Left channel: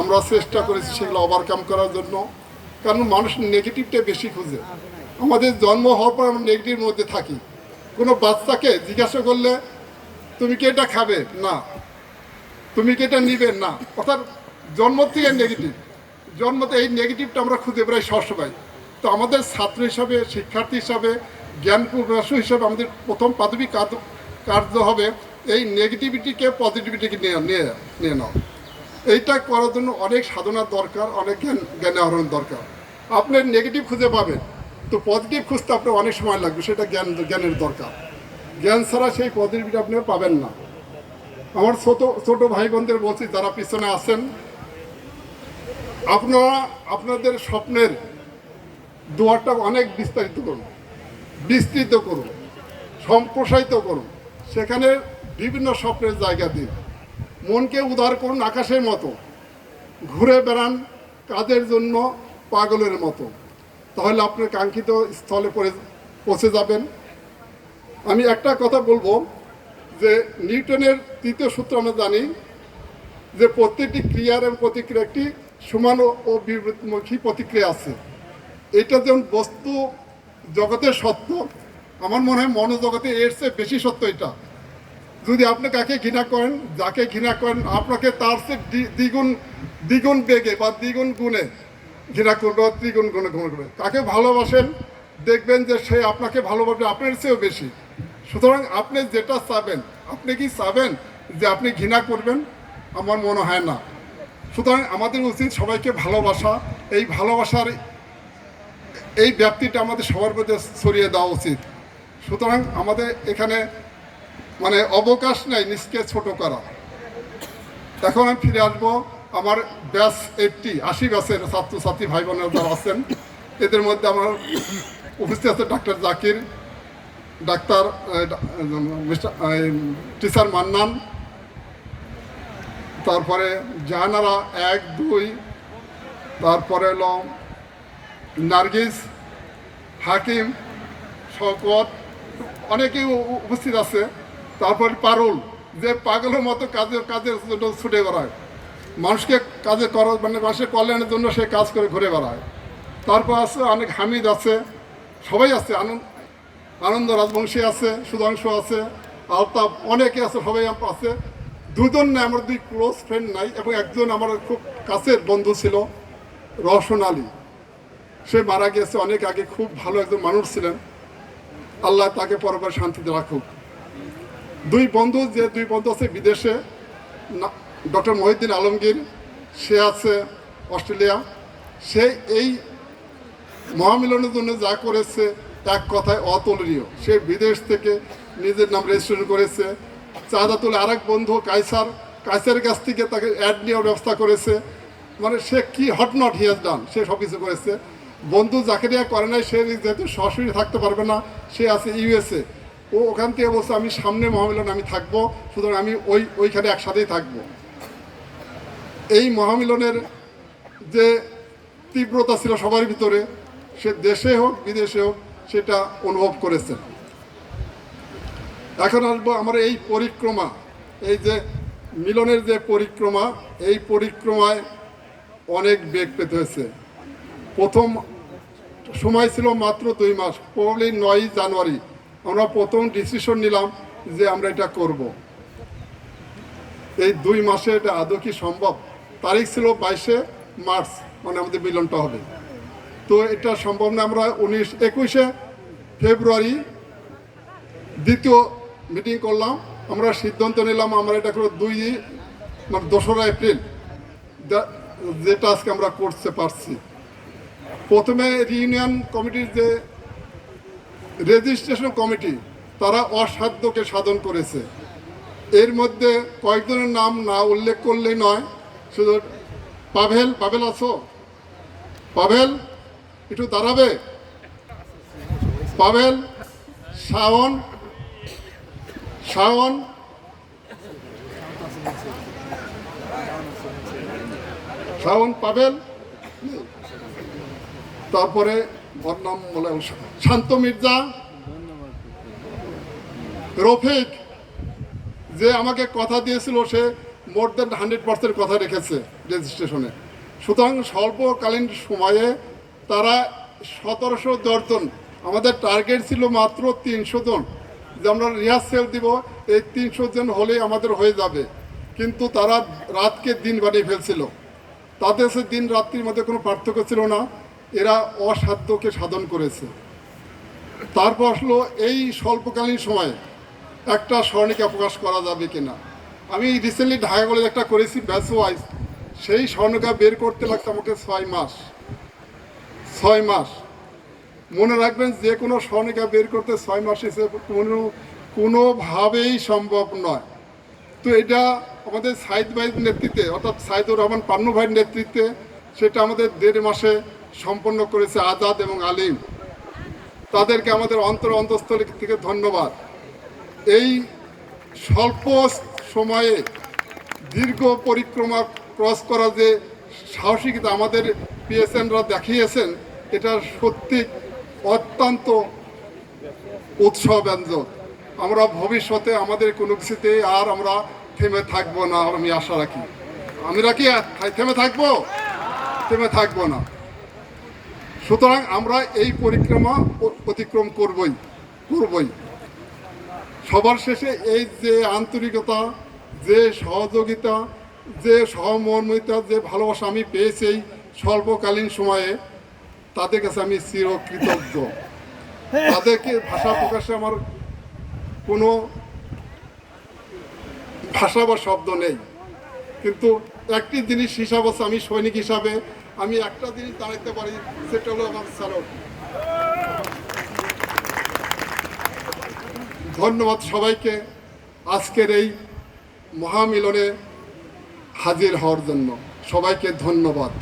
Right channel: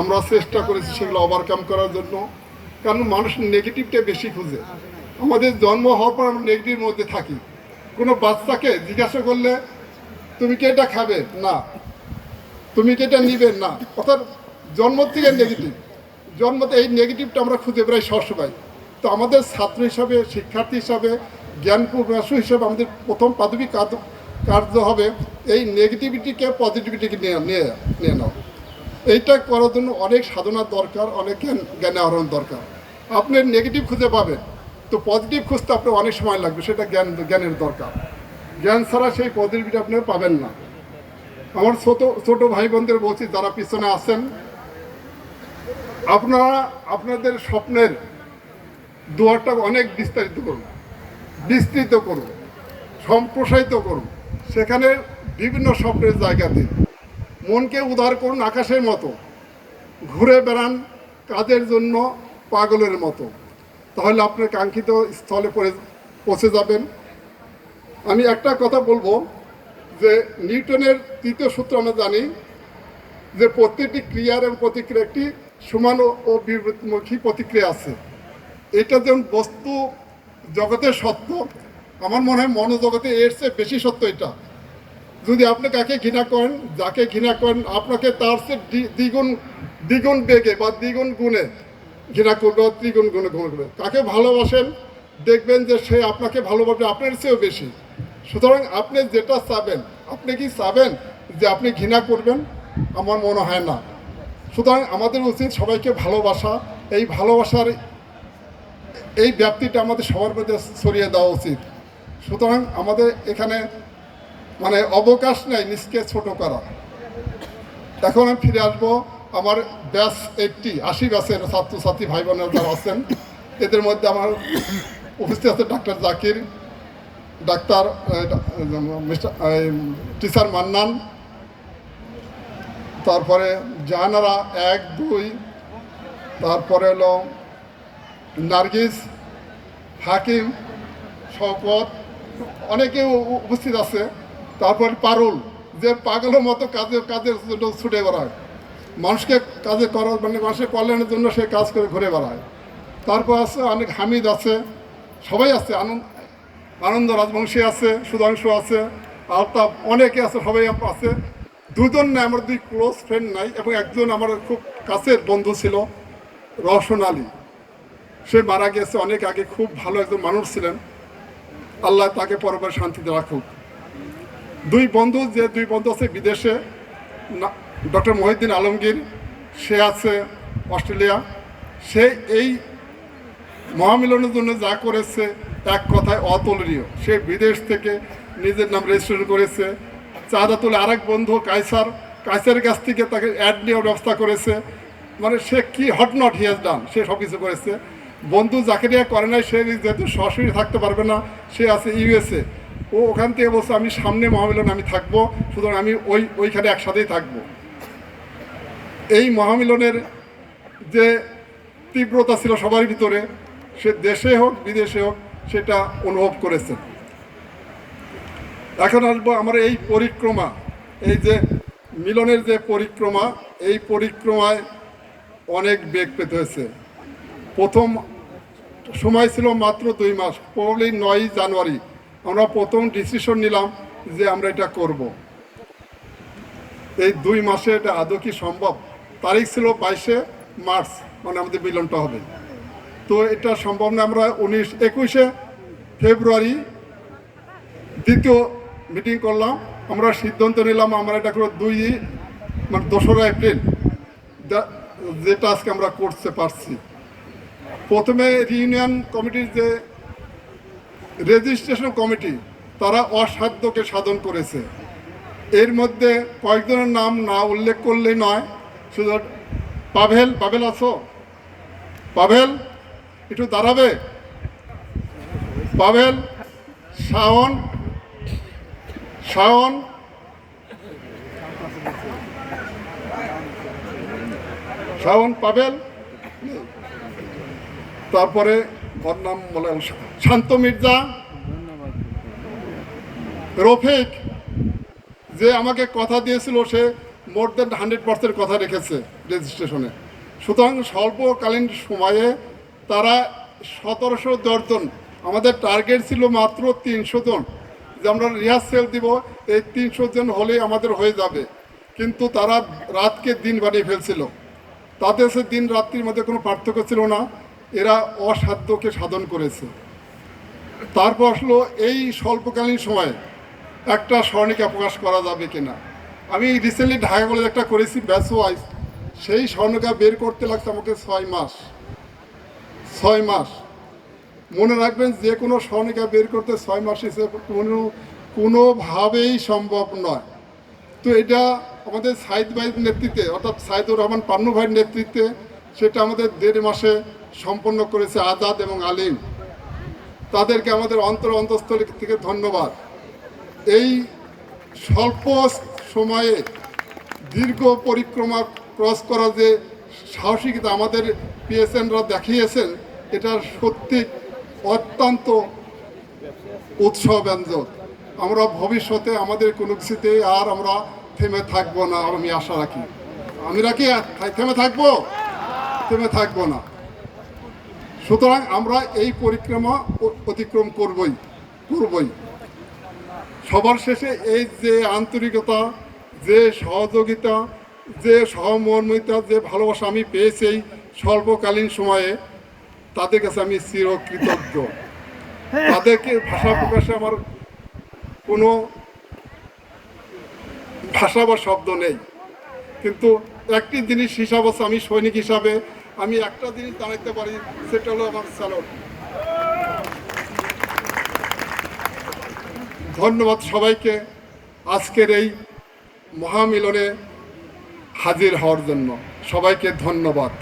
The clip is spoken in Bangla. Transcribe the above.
আমরা চেষ্টা করেছি সেগুলো ওভারকাম করার জন্য। কারণ মানুষ নেগেটিভটা বেশি খুঁজে। আমাদের জন্ম হওয়ার পর আমরা নেগেটিভের মধ্যে থাকি। কোনো বাচ্চাকে জিজ্ঞাসা করলে তুমি কি এটা খাবে, না। তুমি কি এটা নিবে, না। অর্থাৎ জন্ম থেকে নেগেটিভ, জন্মতে এই নেগেটিভটা আমরা খুঁজে বেড়াই সবসময়। তো আমাদের ছাত্র হিসাবে, শিক্ষার্থী হিসাবে, জ্ঞান প্রকাশক হিসাবে আমাদের প্রথম প্রাথমিক কার্য হবে এই নেগেটিভিটিকে পজিটিভিটিকে নিয়ে নাও। এইটা করার জন্য অনেক সাধনার দরকার, অনেক জ্ঞান আহরণ দরকার। আপনি নেগেটিভ খুঁজে পাবেন, তো পজিটিভ খুঁজতে আপনার অনেক সময় লাগবে, সেটা জ্ঞানের দরকার। জ্ঞান ছাড়া সেই পজিটিভিটি আপনি পাবেন না। আমার ছোট ভাই বোনদের বলছি, যারা পিছনে আছেন, আপনারা আপনাদের স্বপ্নের দুয়ারটা অনেক বিস্তৃত করুন, সম্প্রসারিত করুন। সেখানে বিভিন্ন স্বপ্নের জায়গাতে মনকে উদার করুন আকাশের মতো, ঘুরে বেড়ান কাজের জন্য পাগলের মতো। তাহলে আপনি কাঙ্ক্ষিত স্থলে পৌঁছে যাবেন। আমি একটা কথা বলবো যে নিউটনের তৃতীয় সূত্র আমরা জানি যে প্রত্যেকটি ক্রিয়ার এবং প্রতিক্রিয়া একটি সমান ও বিপরীতমুখী প্রতিক্রিয়া আছে। এটা যেমন বস্তু জগতের সত্য, আমার মনে হয় মনোজগতে এর চেয়ে বেশি সত্য এটা। যদি আপনি কাকে ঘৃণা করেন, যাকে ঘৃণা করেন, আপনাকে তার চেয়ে দ্বিগুণ বেগে বা দ্বিগুণ গুণে ঘৃণা করবে, ত্রিগুণ গুণে ঘৃণা করবে। কাকে ভালোবাসেন, দেখবেন যে সে আপনাকে ভালোবাসবে আপনার চেয়েও বেশি। সুতরাং আপনি যেটা চাবেন, আপনি কি চাবেন যে আপনি ঘৃণা করবেন? আমার মনে হয় না। সুতরাং আমাদের উচিত সবাইকে ভালোবাসা। এই ভালোবাসার এই ব্যাপ্তিটা আমাদের সবার মধ্যে ছড়িয়ে দেওয়া উচিত। সুতরাং আমাদের এখানে অবকাশ নাই নিজকে ছোট করা। এখন আমি ফিরে আসবো আমার ব্যাচ 80 ব্যাচের ছাত্রছাত্রী ভাই বোনেরা যারা আছেন, এদের মধ্যে আমার উপস্থিত আছে doctor Zakir, doctor teacher Mannan, তারপরে জাহানারা 1, 2, তারপরে হলো নার্গিস, হাকিম, শওকত, অনেকেই উপস্থিত আছে। তারপর পারুল, যে পাগলের মতো কাজের জন্য ছুটে বেড়ায়, মানুষকে কাজে মানুষের কল্যাণের জন্য সে কাজ করে ঘুরে বেড়ায়। তারপর আছে অনেক হামিদ আছে, সবাই আছে, আনন্দ রাজবংশী আছে, সুধাংশু আছে, আলতাফ, অনেকে আছে, সবাই আছে। দুজন নাই আমার 2 ক্লোজ ফ্রেন্ড নাই, এবং একজন আমার খুব কাছের বন্ধু ছিল, রওশন আলী। সে মারা গেছে অনেক আগে, খুব ভালো একজন মানুষ ছিলেন। আল্লাহ তাকে পরপর শান্তিতে রাখুক। 2 বন্ধু আছে বিদেশে, ডক্টর মহিউদ্দিন আলমগীর, সে আছে অস্ট্রেলিয়া। সে এই মহামিলনের জন্য যা করেছে এক কথায় অতুলনীয়। সে বিদেশ থেকে নিজের নাম রেজিস্ট্রেশন করেছে। চাঁদাতুল আরেক বন্ধু কাইসারের কাছ থেকে তাকে অ্যাড নেওয়ার ব্যবস্থা করেছে। সে কি what not he has done, সে সব কিছু করেছে। বন্ধু জাকেরিয়া করে নাই, সে যেহেতু সরাসরি থাকতে পারবে না, সে আছে USA। ও ওখান থেকে বলছে আমি সামনে মহামিলন আমি থাকবো, সুতরাং আমি ওইখানে একসাথেই থাকবো। এই মহামিলনের যে তীব্রতা ছিল সবার ভিতরে, সে দেশে হোক বিদেশে হোক সেটা অনুভব করেছে। এখন আসবো আমার এই পরিক্রমা, এই যে মিলনের যে পরিক্রমা, এই পরিক্রমায় অনেক বেগ পেতে হয়েছে। প্রথম সময় ছিল মাত্র 2 মাস, প্রবলি 9 জানুয়ারি আমরা প্রথম ডিসিশন নিলাম যে আমরা এটা করব। এই 2 মাসে এটা আদৌ কি সম্ভব? তারিখ ছিল 22 মার্চ, আমাদের মিলনটা হবে। তো এটা সম্ভব না। আমরা 21 ফেব্রুয়ারি দ্বিতীয় মিটিং করলাম। আমরা সিদ্ধান্ত নিলাম আমরা এটা করব 2রা এপ্রিল, যেটা আজকে আমরা করতে পারছি। প্রথমে ইউনিয়ন কমিটির যে রেজিস্ট্রেশন কমিটি, তারা অসাধ্যকে সাধন করেছে। এর মধ্যে কয়েকজনের নাম না উল্লেখ করলেই নয়। শুধু পাভেল আছো? পাভেল একটু দাঁড়াবে? পাভেল, শাওন, পাভেল, তারপরে ওর নাম বলে শান্ত মির্জা, রফিক, যে আমাকে কথা দিয়েছিল সে মোর দ্যান 100% কথা রেখেছে রেজিস্ট্রেশনে। সুতরাং স্বল্পকালীন সময়ে তারা 1710 জন, আমাদের টার্গেট ছিল মাত্র 300 জন, যে আমরা রিহার্সেল দিব, এই 300 জন হলেই আমাদের হয়ে যাবে। কিন্তু তারা রাতকে দিন বানিয়ে ফেলছিল। তাদের সে দিন রাত্রির মধ্যে কোনো পার্থক্য ছিল না, এরা অসাধ্যকে সাধন করেছে। তারপর আসলো এই স্বল্পকালীন সময়ে একটা স্বর্ণিকা প্রকাশ করা যাবে কিনা। আমি রিসেন্টলি ঢাকা কলেজে একটা করেছি ব্যাচ ওয়াইজ, সেই স্বর্ণিকা বের করতে লাগছে আমাকে 6 মাস। 6 মাস মনে রাখবেন, যে কোনো স্বর্ণিকা বের করতে 6 মাস হিসেবে কোনোভাবেই সম্ভব নয়। তো এটা আমাদের সাইদ ভাইয়ের নেতৃত্বে, অর্থাৎ সাইদুর রহমান পান্নু ভাইয়ের নেতৃত্বে সেটা আমাদের 1.5 মাসে সম্পন্ন করেছে আজাদ এবং আলিম। তাদেরকে আমাদের অন্তঃস্থল থেকে ধন্যবাদ। এই স্বল্প সময়ে দীর্ঘ পরিক্রমা ক্রস করা যে সাহসিকতা আমাদের পিএসএনরা দেখিয়েছেন, এটা সত্যি অত্যন্ত উৎসাহব্যঞ্জক। আমরা ভবিষ্যতে আমাদের কোনো কিছুতে আর আমরা থেমে থাকবো না, আমি আশা রাখি। আমরা কি থেমে থাকবো? থেমে থাকবো না। সুতরাং আমরা এই পরিক্রমা অতিক্রম করবই। সবার শেষে এই যে আন্তরিকতা, যে সহযোগিতা, যে সহমর্মিতা, যে ভালোবাসা আমি পেয়েছি এই স্বল্পকালীন সময়ে, তাদের কাছে আমি চিরকৃতজ্ঞ। তাদেরকে ভাষা প্রকাশে আমার কোনো ভাষা বা শব্দ নেই। কিন্তু একটি জিনিস হিসাব আছে, আমি সৈনিক হিসাবে আমি একটা জিনিস জানাতে পারি, সেটা হলো আমার স্যালুট। ধন্যবাদ সবাইকে আজকের এই মহামিলনে হাজির হওয়ার জন্য। সবাইকে ধন্যবাদ।